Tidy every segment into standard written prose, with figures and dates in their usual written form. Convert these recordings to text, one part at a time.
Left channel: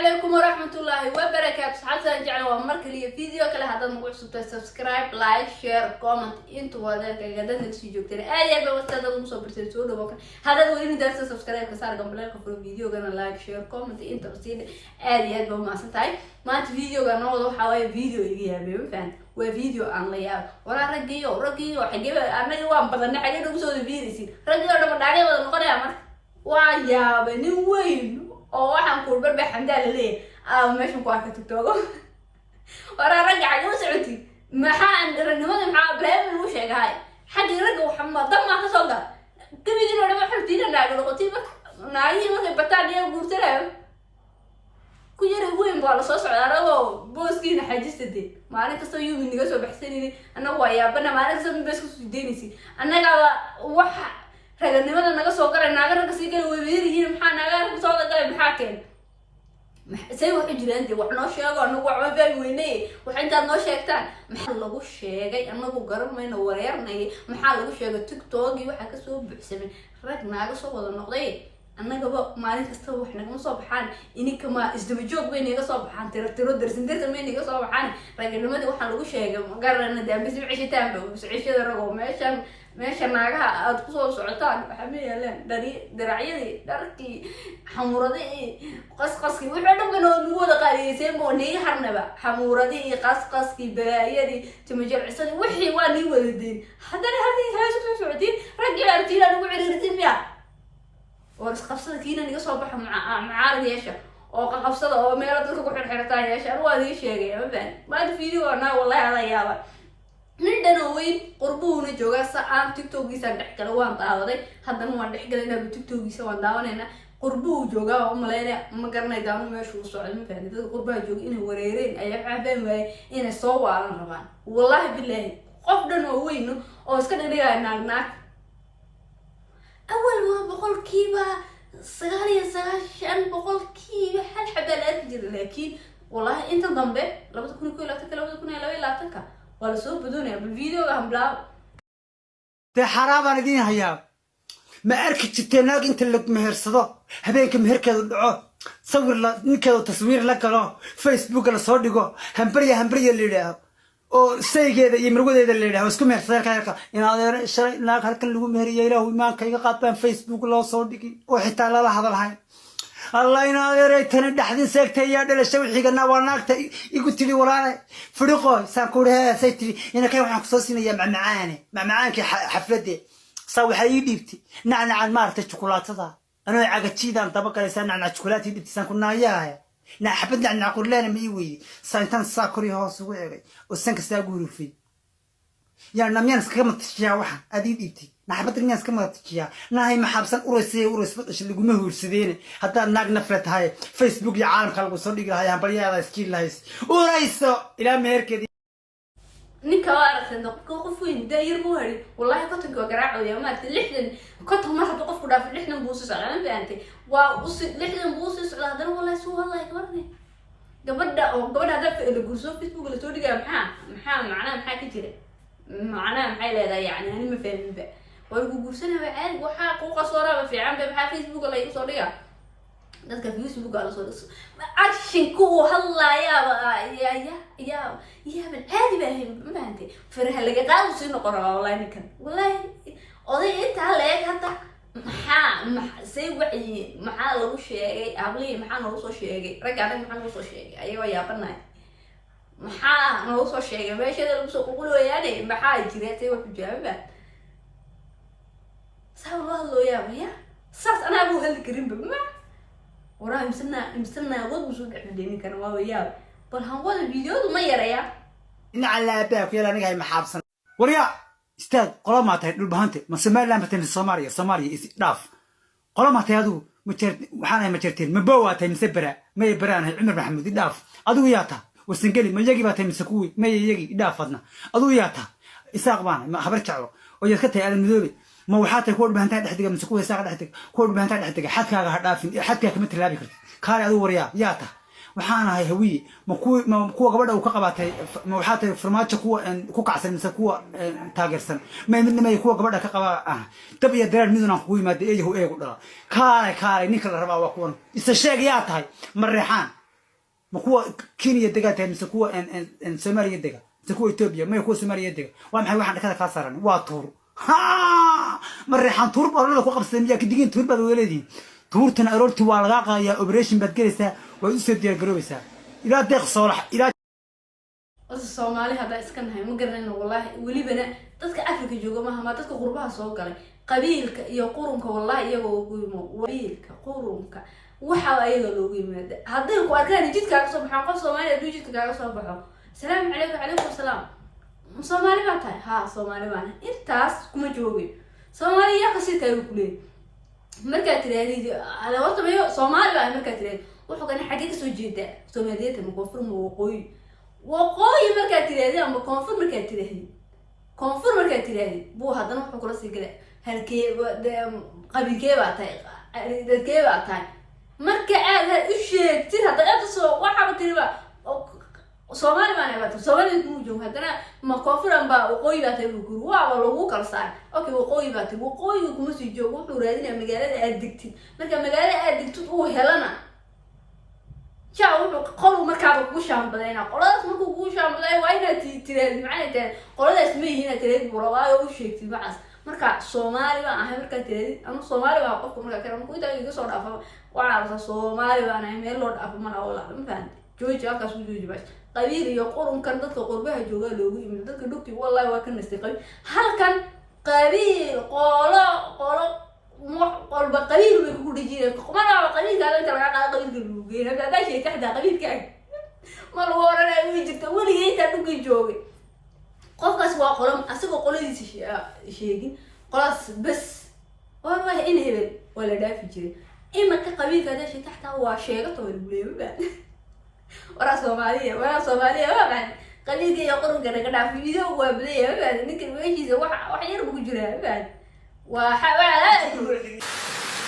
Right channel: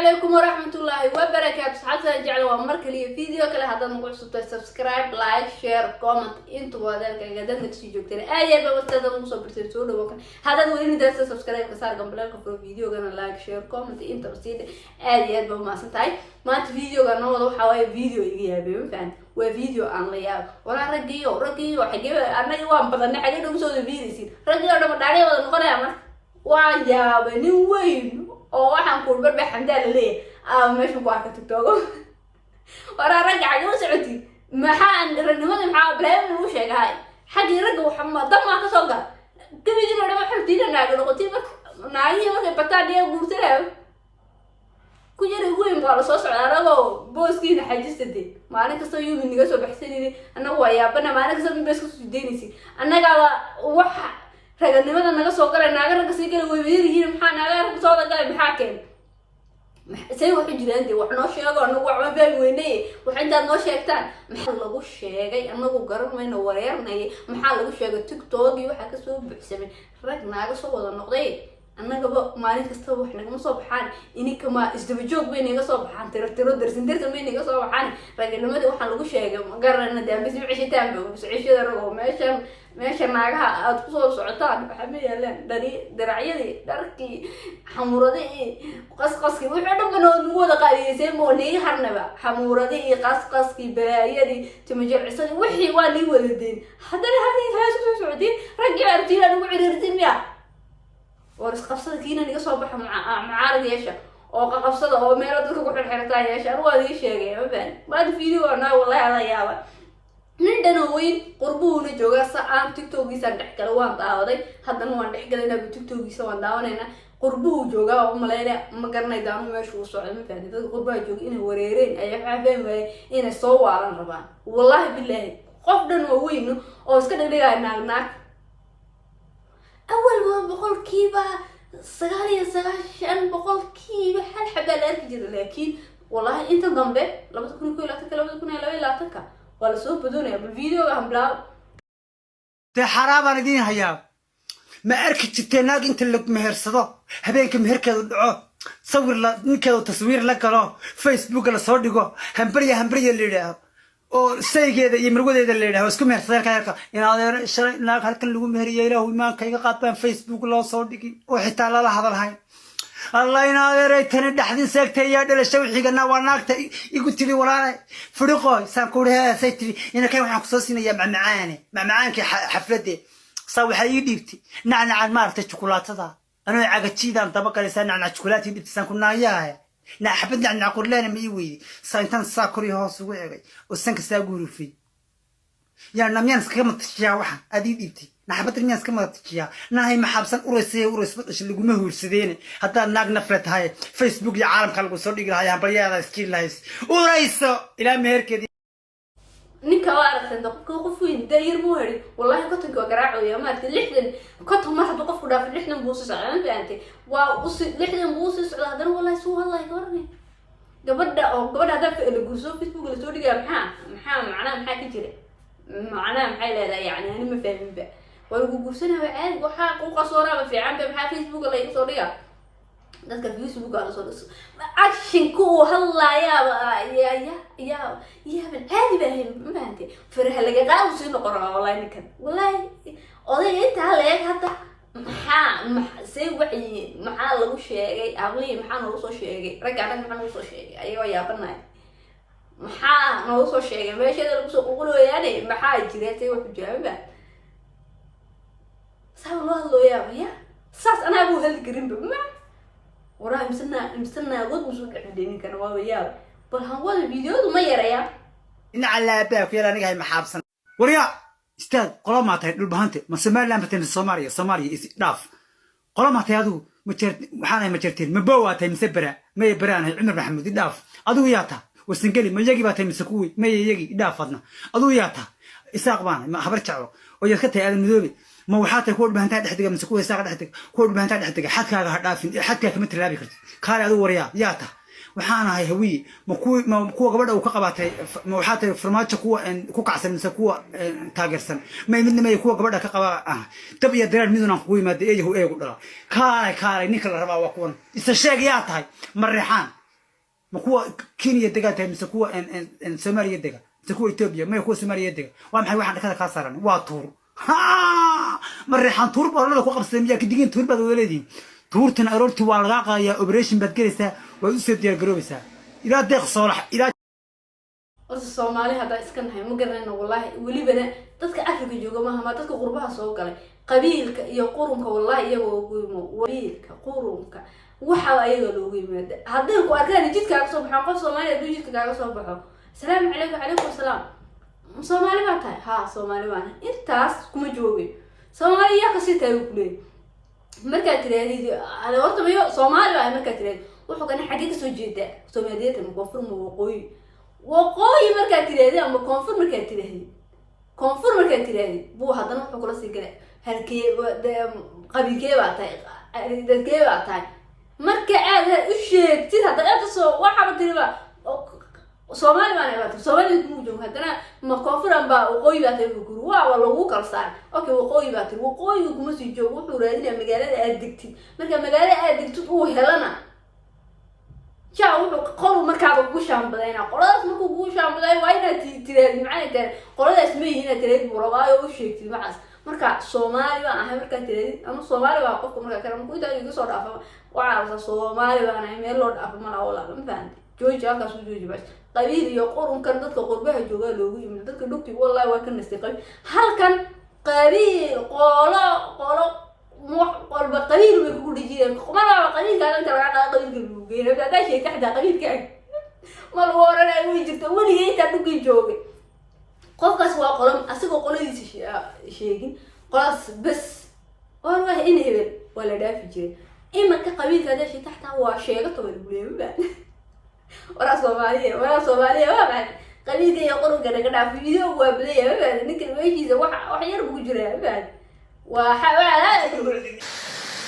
عليكم ورحمة الله وبركاته. حتى نرجع ومرك لي فيديو كله هذا مقول سبسكرايب لايك شير كومنت انتوا هذا كذا نكسي جوكتين أي بقى وستة مصور برسول وبكر هذا هو إنه درس سبسكرايب كسر قبل لك في الفيديو كنا لايك شير كومنت انت بسيط أي بقى ما ستاي ما أنت فيديو كنا وضو حوالي فيديو يجي هبي فهمت وفيديو عن ليال ولا رجيو حاجة أنا يوم بدنا حاجة نمسوا الفيديو رجيو أنا بداري ولا نقول يا من ويا بني وين oo waxaan ku barbar xamdaal leeyahay meesha ku arka TikTok wara ragac ayu socoti maxaan ranimada maxaa bleen uu sheegay xaqi raga waxma dama ka soo gal kamidina dhama xirtiina naaga noqotay naayi markay bataadiya guursanaa ku yiri weyn baa la soo socdaa anagoo booskiina xajisade maalin kasta yuu niga soo baxsanayay anagu waa yaabana maalin kasta in beesku sideynaysi anaga waxa raganimada naga soo galay naaga raga sii galay way weerihiin maxaa naaga soo galay maxaa keen say wax jiraan dii wax noo sheego anagu wax ma weynay wax inta noo sheegtaan maxaa lagu sheegay anagu garanayna wareernay maxaa lagu sheegay TikTok iyo waxa ka soo buuxsamay rag naaga soo wada noqday anagaba maalin kasta wax naga soo baxaan ininka ma isdaba joog weyn naga soo baxaan tiro darsin weyn naga soo baxaan raganimada waxa lagu sheegay garanayna dambiis wicitaan wiciishada rago meesha naagaha aad ku soo socotaan waxa ma yaalaan daracyadii dharkii xamuuradii qasqaskii wixii dhan nagu wada qaaliyeysay ma neey harnaba xamuuradii qasqaskii baayadii timajircisadii wixii waa lii wada deyn haddana hadii halaasho soo socotay ragii artiila ugu ciriirtay miya waris qabsada kiina niga soo baxa macaarad yeesha oo qabsada oo meel dadka ku xirxirtaa yeesha waa lii sheegay ma baan waa video ana wallahi ala yaaba nin dhanooyin qurbuuna jooga saan TikTok-giisa dhex kale waan daawaday haddana waan dhex galayna TikTok-giisa waan daawanayna qurbuu jooga oo maleeya ma garanay daanu meesha uu socdo ma fahmin dad qurbaa jooga inay wareereen ay xafeen way inay soo waalan rabaan wallahi billahi qof dhan oo weyn oo iska dhigay naag أول ما بقول كيبا سغالي بقول كيبا حال حبالات جدا لكن والله انت ضمبه لما تكون كوي لا تكا لما تكون لا تكا ولا سوق بدون بالفيديو هم بلا تي حرام انا دين هيا ما اركت تناق انت اللي مهرسدو هبينك مهركيدو دحو صور لا نكيدو تصوير لا كلو فيسبوك لا سو دغو همبريا اللي يراهو oo saygeeda iyo marwadeeda leeyahay isku meersadeen ka inaad shalay naag halkan lagu meheriyay ilaahu iimaanka iga qaataan Facebook loo soo dhigi oo xitaa la hadalhayn Allah inaad ereeytana dhaxdin seegtay yaa dhalashay wixigana waa naagta igu tiri walaal firiqoy saan ku leeyahay tiri ina kay waxaan ku soo siinayaa macmacaankii xafladde saa waxa ii dhiibtay nacnacaan maartay chocolaatada anoo cagajiidan daba galaysan nacnac chocolaatii dhibtisan ku naayahay نا حبدنا عن عقولنا ما يوي سانتان ساكوري هاس وعي وسانك ساقولوا في يعني نميانس كم تشيا واحد أديد إبتي نا حبدنا نميانس كم تشيا نا هي محبسان أورس إيش اللي جمه ورسدينه حتى ناق نفرت هاي فيسبوك يا عالم خلقوا صديق هاي هم بريا هذا سكيل هايس أوريسو إلى مهر كذي ninka waa aragtay dadku qof weyn daayir buu heli wallahi qofka garaaco iyo ma lixdan qofka ma hada qofku dhaaf lixdan buu soo socdaa faantay waa lixdan buu soo socdaa hadana wallahi soo wallahi gabarni gabadha hadda la gurso Facebook la soo dhigaa maxaa macnaha ka jira macnaha maxay leedahay yani ani ma fahmin ba way ugu gursanaa caadi waxa ku qasooraba fiican ba maxaa Facebook la soo dhigaa dadka Facebook la soo dhiso action ku hadlaaya يا من عادي بهي ما أنت فرح لقى قاعد وصير نقرأ والله نكن والله قضية أنت عليك حتى سوي وعي محل لو شيء عملي محل نوصل شيء رجعنا محل نوصل شيء أيوة يا بنات محل نوصل شيء ما شيء اللي بسوق يقولوا يعني محل جريتي وحجابه سأقول الله يا بيا صار أنا أبو هالكريم بما وراه مسنا غد مسوق عندي كان وياه بل هنقول الفيديو وما يريا إن على أباك يلا نجي محابسنا وريا استاذ قلما ما تهدل بهانته ما سمع لما تن الصومالية إسلاف قلما ما تهدو وحنا مجرتين مبواتها مسبرة ما يبران عمر محمود إداف أضوياتها والسنجلي ما يجي باتها مسكوي ما يجي إدافنا أضوياتها إساق بانا ما خبرت شعره ويذكرتها هذا المذوبي ما وحاتك كل بهانتها تحتك مسكوي إساق تحتك كل بهانتها تحتك حتى كمثل لابي كرت كار أضو وريا ياته وحنا هاي هوي ما كوا قبل أو كقبته ما وحاتي فرماتش كوا كعسل مثل كوا تاجرسن ما من ما يكوا قبل كقبا تبي يدرر ميزنا خوي ما دي هو إيه قدرة كاري نيكل ربع وكون استشاق يات هاي مريحان ما هو كينيا دقات مسكوا ان سوماليا دقا مسكوا إثيوبيا ما يكون سوماليا دقا وام حي واحد كذا كاسران واتور ها مريحان تور بالله كو قبسميا كدغين تور باد ولدين تورتن ارورتي waa laga qaaya operation bad galaysa way u soo diyaar garoobeysa ila deeq soorax ila Soomaali hada iska nahay ma garanayno wallahi walibana dadka Afrika jooga ma dadka qurbaha soo galay qabiilka iyo qurunka wallahi iyagoo ugu yimo qabiilka qurunka waxa ayaga loogu yimaado hadii ku arkaan jidka ka soo baxan qof Soomaali ah jidka ka soo baxo salaam alaykum salaam Soomaali ma tahay ha Soomaali waan intaas kuma joogay Soomaali yaa ka sii tahay ku leey marka tiraadid ala horta mayo Soomaali baa marka tiraadid wuxuu kan xagee ka soo jeeda Soomaaliyada ma koonfur ma waqooyi marka tiraadid ama koonfur marka tiraadid buu hadana wuxuu kula sii galay halkee qabiilkee baa tahay dadkee baa tahay marka aad u sheegtid hadana soo waxa tiriba Soomaali baan aad Soomaali ku joogo hadana ma koonfuran baa waqooyi baa tahay guru waa lagu kalsaan okay waqooyi baa tahay waqooyi kuma sii joogo wuxuu raadinaa magaalada aad digtid marka magaalada aad digtid uu helana jaa wuxuu qolo markaa ku shaambadayna qoladaas markuu ku shaambaday waa inaad tiraadid macna tahay qoladaas ma yihiin tiraadid buraayo u sheegtid waxaas marka Soomaali baan ahay marka tiraadid ama Soomaali baa qofka marka kale ku inta iga soo dhaafo waxa Soomaali baan ahay meel loo dhaafo ma wala ma fahanti jooji halkaas u jooji baa qabiil iyo qurunkan dadka qurbaha jooga loogu yimid dadka dhugti wallahi waa ka nastay qabiil halkan qabiil qolo qolba qabiil way ku dhigeen qomana qabiil kale kala qaada qabiilka lagu geeyay hada shay taxda qabiilka ma loo oranay uu jirta waligeey ka dhugi joogay qofkaas waa qolam asagoo qoladiisa sheegin qolaas bas oo wax in hebel wala dhaafi jiray imaka qabiilka hada shay taxda waa sheegato lagu leeyahay ورا Soomaaliya waa baan qabiilka iyo qurunka naga dhaaf video waa bilayaa baan ninkan weejiisa wax yar ugu jiraa baan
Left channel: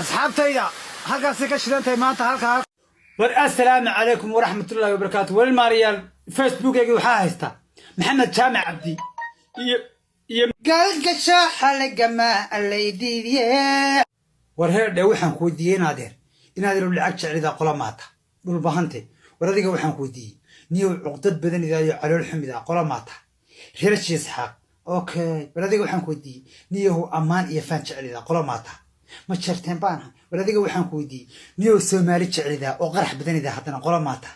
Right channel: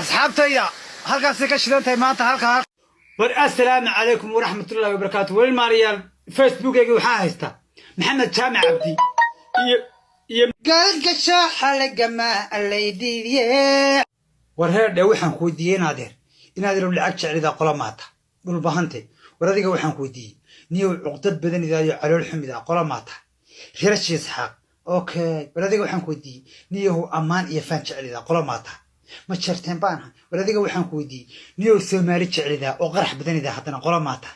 asxaabtayda halkaas ka shidantahay maanta halka war assalaamu calaykum waraxmatullaahi wabarakaatuh wal maariyaal facebookayga waxa haysta maxamed jaamac abdi iyo galgasho xalagama alaydiye war heer waxaan ku weydiiyay inaad lacag jeclida qolamaata dhul bahante waradiga waxaan ku weydiiyay niyo cuqdad badan idaayo calool xumida qolamaata reershiis xaq okay waradiga waxaan ku weydiiyay niyo amaan iyo fan jeclida qolamaata ma jarteen baan waradiga waxaan ku weydiiyay niyo Soomaali jeclida oo qarax badan idaa hadana qolamaata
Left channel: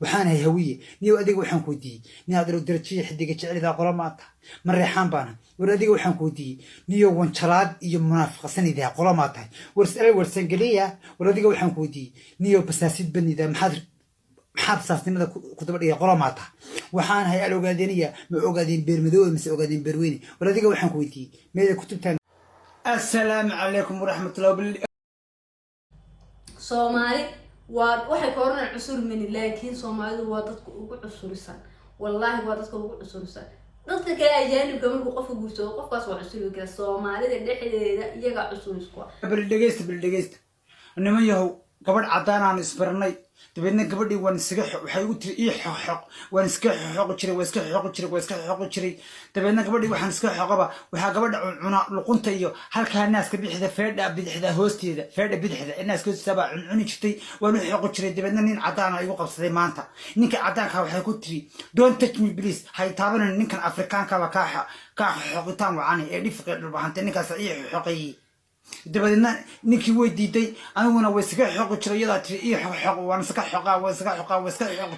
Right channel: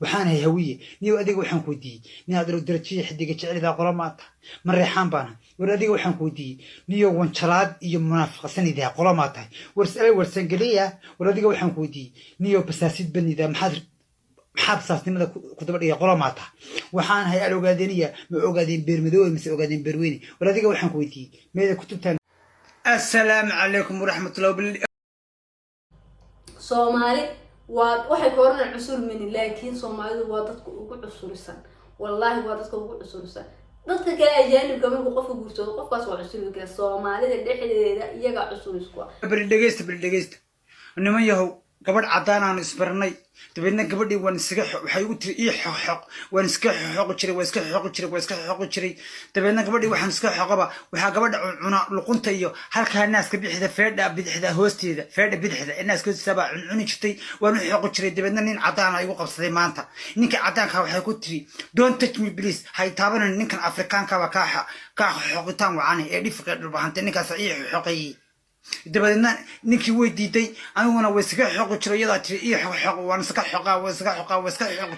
waxaan hay hawiye niyo adiga waxaan ku weydiiyay niyo darajiye xidiga jeclida qolamaata ma reexan baan waradiga waxaan ku weydiiyay niyo wanjalaad iyo munaafiqsan idaa qolamaata warsan galiya waradiga waxaan ku weydiiyay niyo basaasid banida maxad xabsaasnimada ku daba dhigay qolamaata waxaan hay ogaadeniya ma ogaadeen beermadow mise ogaadeen beerweyne waradiga waxaan ku weydiiyay meeda kutubtan assalaamu calaykum waraxmatullaahi wabarakaatuh Soomaali waa waxay koornaan cusur min laakiin Soomaalidu waa dadku ugu cusurisan wallahi waa dadku ugu cusurisan dadka kale ajaanibka markuu qofku guursado qofkaas waa cusuri kara Soomaalida dhexdeeda iyaga cusurisku bal dhageysta niman yahow gabadh cadaan aan isbarnay dabeedna gabadhii waan iskaga waxay ugu tiri ii xoq waan iska xoq jiray dabeedna gabadhii waxaan iska xoqaba waxa gabadha cuna luqunta iyo halka naaska bidixda feedha bidixda hoosteeda feedha bidixda naaska hoosteeda cuni jirtay waan u xoq jiray dabeedna nin cadaan ay igu qabsaday maanta ninka cadaanka waxay ku tiri don't touch me please hay taabanan ninkan Afrikaanka ba ka xoqitaan wacani ee dhifqa dhulbahanta ninkaas ii xoqay dabadeedna ninkii way diiday aniguna way iska xoq jiray iyada tiri ii xoq waan iska xoq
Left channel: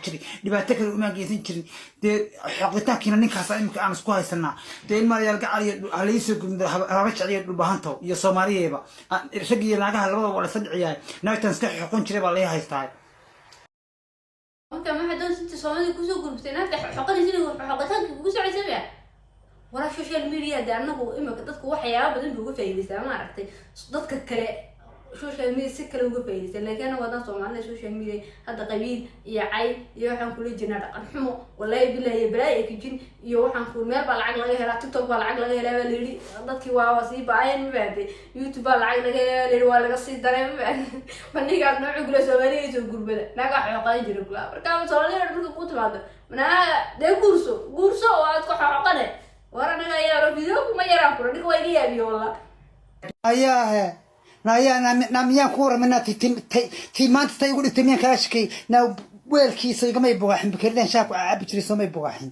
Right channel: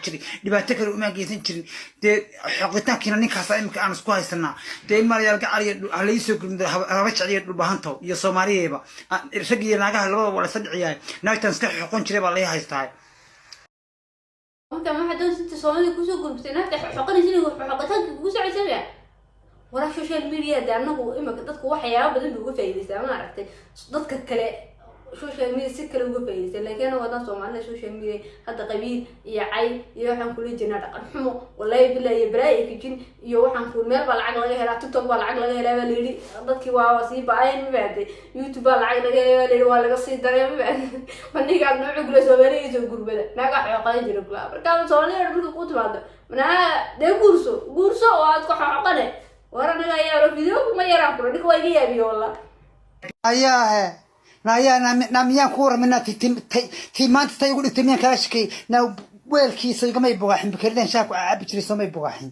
jiray dhibaato kale uma geysan jirin de xoqitaankiina ninkaas imika aan isku haysanaa de maariyaal gacariyo halayso gumdo raba jeceliyo dhulbahanto iyo Soomaaliyeeba rag iyo naagaha labada wala sadciyay naagtan iska xoqon jiray baa la haystaa marka ma hadan si Soomaali ku soo gudbtay naagta xoqadiisina xoqataan ku soo cesay wala social media da anagu imaka dadku waxyaabo badan uga faa'iideystaan ma aragtay dadka kale social media si kale uga faa'iideystaan laakiin wada Soomaalida social media hada qabiil iyo cay iyo waxaan kula jirnaa dhaqan xumo wallahi billahi ibraahim kijin iyo waxaan ku meel ba lacag laga helaa TikTok ba lacag laga helaa leeyri dadkii waa sii baayeen ma baaday YouTube ba lacag laga helaa leeyri waa laga sii daray ma baaday maniga nooc gula Soomaaliyeed oo gurbada naga xoqay jiray kula marka Soomaaliyeed markuu ku timaado mana de guurso oo aad ku xoqanay ورا ما يا فيديو ما يرى كل ديك وين يبي والله أياه نايا ناميان كورة منا تي ما أنت تقول تمين كلاشكي weelkiisa igama bogaaxin bikirdan shaaku caabi jiray soo may bogaaxin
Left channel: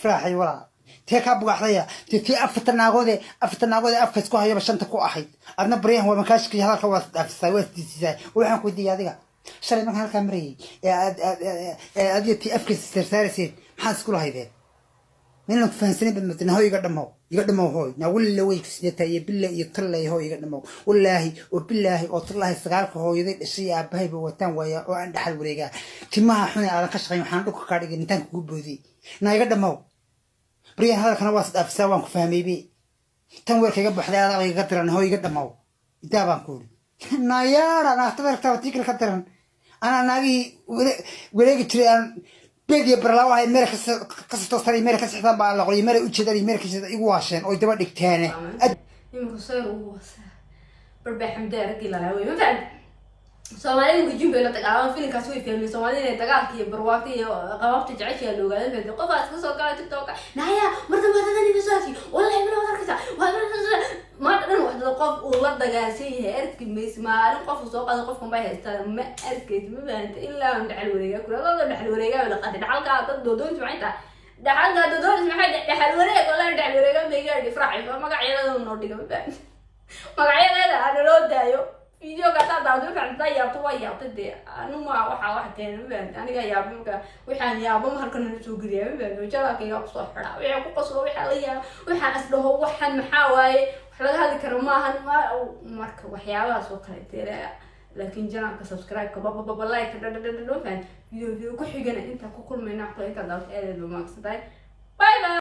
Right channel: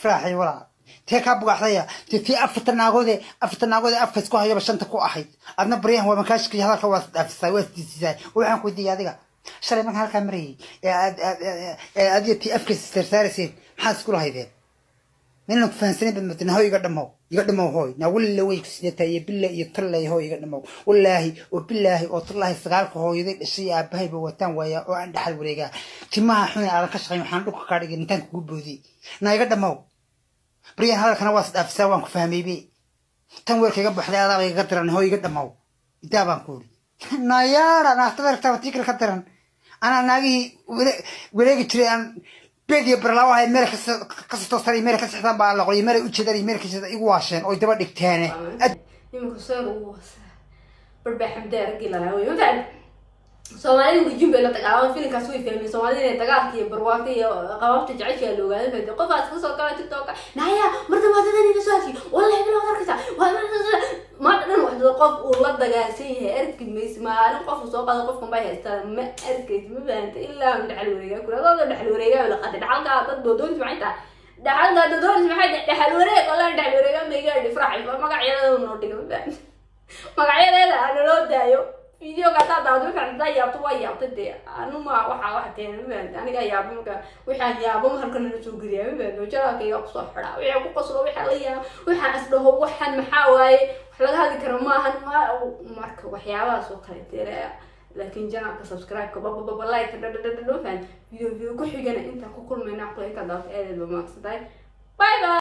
faraaxay walaa tee ka bogaxdaya tii aftanaagode afka isku hayaba shanta ku ahayd adna bariyahan waa makaashkii hadalka waa dhaafisay waa diisay waxaan ku diiday adiga shalay markaan halka marayay adiga tii afka sarsaarayeen maxaa isku lahaydeen من فانسني بدمتنا هو يقدموا هوي نقول له ويك سنتا يبلا يطلع هو يقدموا والله وبالله وطلع استقالك هو يدي الشيء أبهي بوتان ويا وعند حل وريجا تما حنا على كشغي محن لك كارج نتان كوبودي نا يقدموا بريان هذا كان واسط أفسوان كفهمي بي تنور كيجب حدا يقدرن هو يقدموا يتابع كوري نا يارا أنا أعتبر توتيك الخطرن أنا ناجي وريجي تريان بدي برلاوها الملك قصة تصري الملك سحتان بقى لقولي الملك وجدري الملك كذا يقواشن أو يدبر دكتانة. يمكن صير وواسع بربح مدارك إلى الهوي مثلا Soomaalidu ku jumbe la tagaawan filimkaas way fahmeen Soomaalidu dagaalkii barwaaqay qabaabta jacayl loo gaaday fahmeen qofaas ku soo galay TikTok naya marka madadani bisaashi wallahi bila warkaysa ma dhan wax qof uu la dagaalsan yahay arkimis ma qof soo qaado qof kuma haysta ma arkay ma baanta ilaa dhaxal wareega kula dhaxal wareega la qad dhaxalka dad doodon macayta dhaxalka doodon maxay dhaxal wareega wala dhaxal wareega meega difraaci magacyada noo dhigo magacyada aan loo daayo فيديو كذا داود فعند ذا يابو يابتدي أنا ما واحد كان بين أنا جاي يابو ويحن يابو هركن نسوق جريه بين وجرا كي يقص حلا ويحكوا قصوا ويحليه ويحن أصله ويحن محاوي وحلا هذه كرماهن ومارك وحياة سوق هاي لكن جنا كسبسكرايب كبابا لايك فيديو كل حاجة أنت كل ما نحط أنت داود إيه ما باي باي.